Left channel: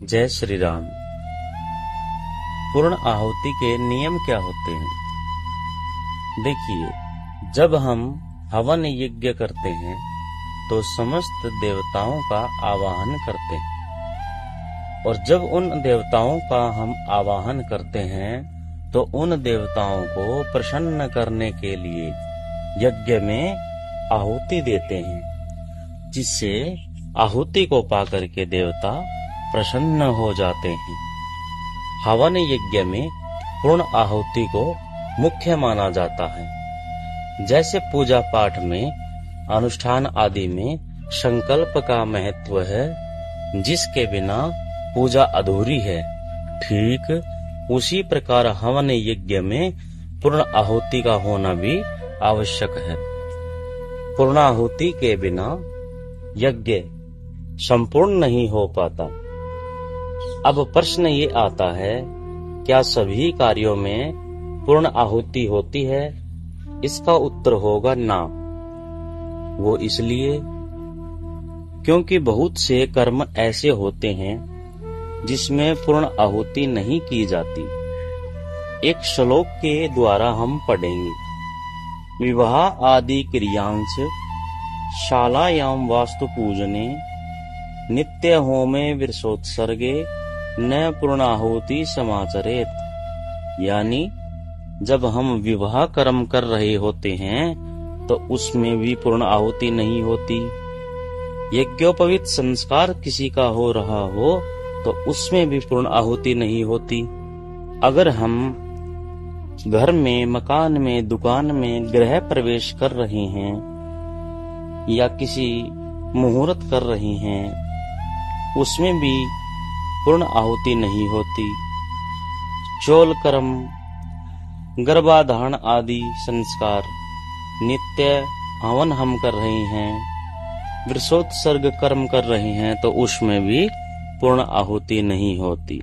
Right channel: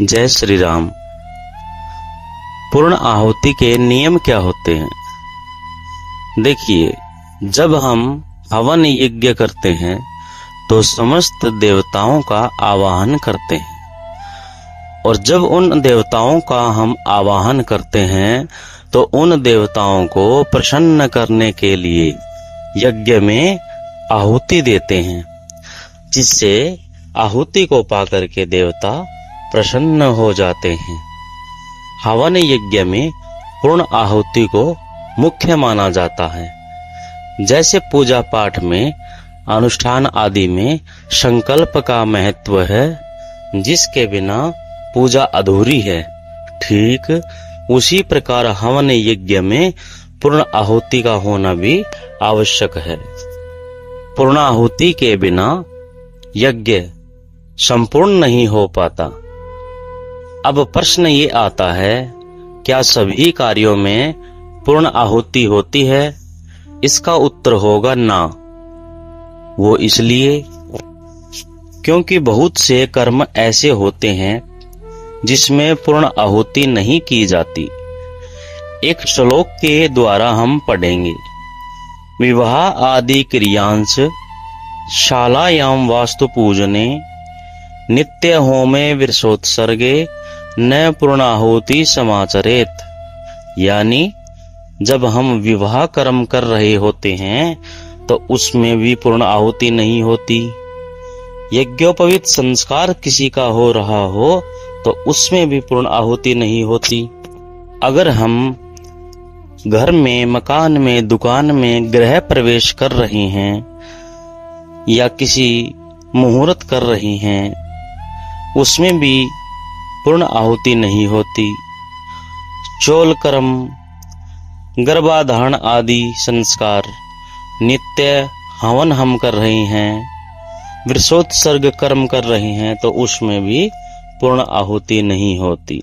जय श्री राम। पूर्ण आहुति के नियम क्या होते हैं? देखिए, जब हम हवन यज्ञ करते हैं तो समस्त देवताओं का आवाहन करते हैं, और जब उन देवताओं का हम आवाहन करते हैं तो उन देवताओं को प्रसन्न करने के लिए यज्ञ में आहुति देते हैं, जिससे आहुति को पाकर के देवता प्रसन्न हो जाते हैं। हवन यज्ञ में पूर्ण आहुति को मुख्य माना जाता है। जैसे पूजा पाठ में, अनुष्ठान आदि में संकल्प का महत्व है, जिसके बिना पूजा अधूरी है, ठीक उसी प्रकार हवन यज्ञ में पूर्ण आहुति का होना भी आवश्यक है। पूर्ण आहुति के बिना यज्ञ संपूर्ण नहीं हो पाता। अब प्रश्न ये आता है, क्या सभी कार्यों में पूर्ण आहुति होती है? इसका उत्तर होगा ना। वो इसलिए क्योंकि बहुत से कर्म ऐसे होते हैं जिसमें पूर्ण आहुति नहीं की जाती। एक श्लोक के द्वारा हम पढ़ेंगे, विवाह आदि क्रियांश शालायाम वास्तु पूजने नित्य होमे विरसोत्सर्गे न पूर्णाहुति समाचरेत। यानी जब हम विवाह कर्म कर रहे होते हैं तो उसमें भी पूर्ण आहुति नहीं होती। यज्ञोपवीत संस्कार किसी का हो रहा हो तो उसमें भी पूर्ण आहुति नहीं होती। अगर हम घर में, मकान में, दुकान में गृह प्रवेश कर रहे हैं या किसी मुहूर्त कर रहे हैं, उसमें भी पूर्ण आहुति नहीं होती। चौल कर्म, गर्भाधारण आदि संस्कार नित्य हवन हम कर रहे हैं, विरसोत्सर्ग कर्म कर रहे हैं, तो उसमें भी पूर्ण आहुति नहीं होती।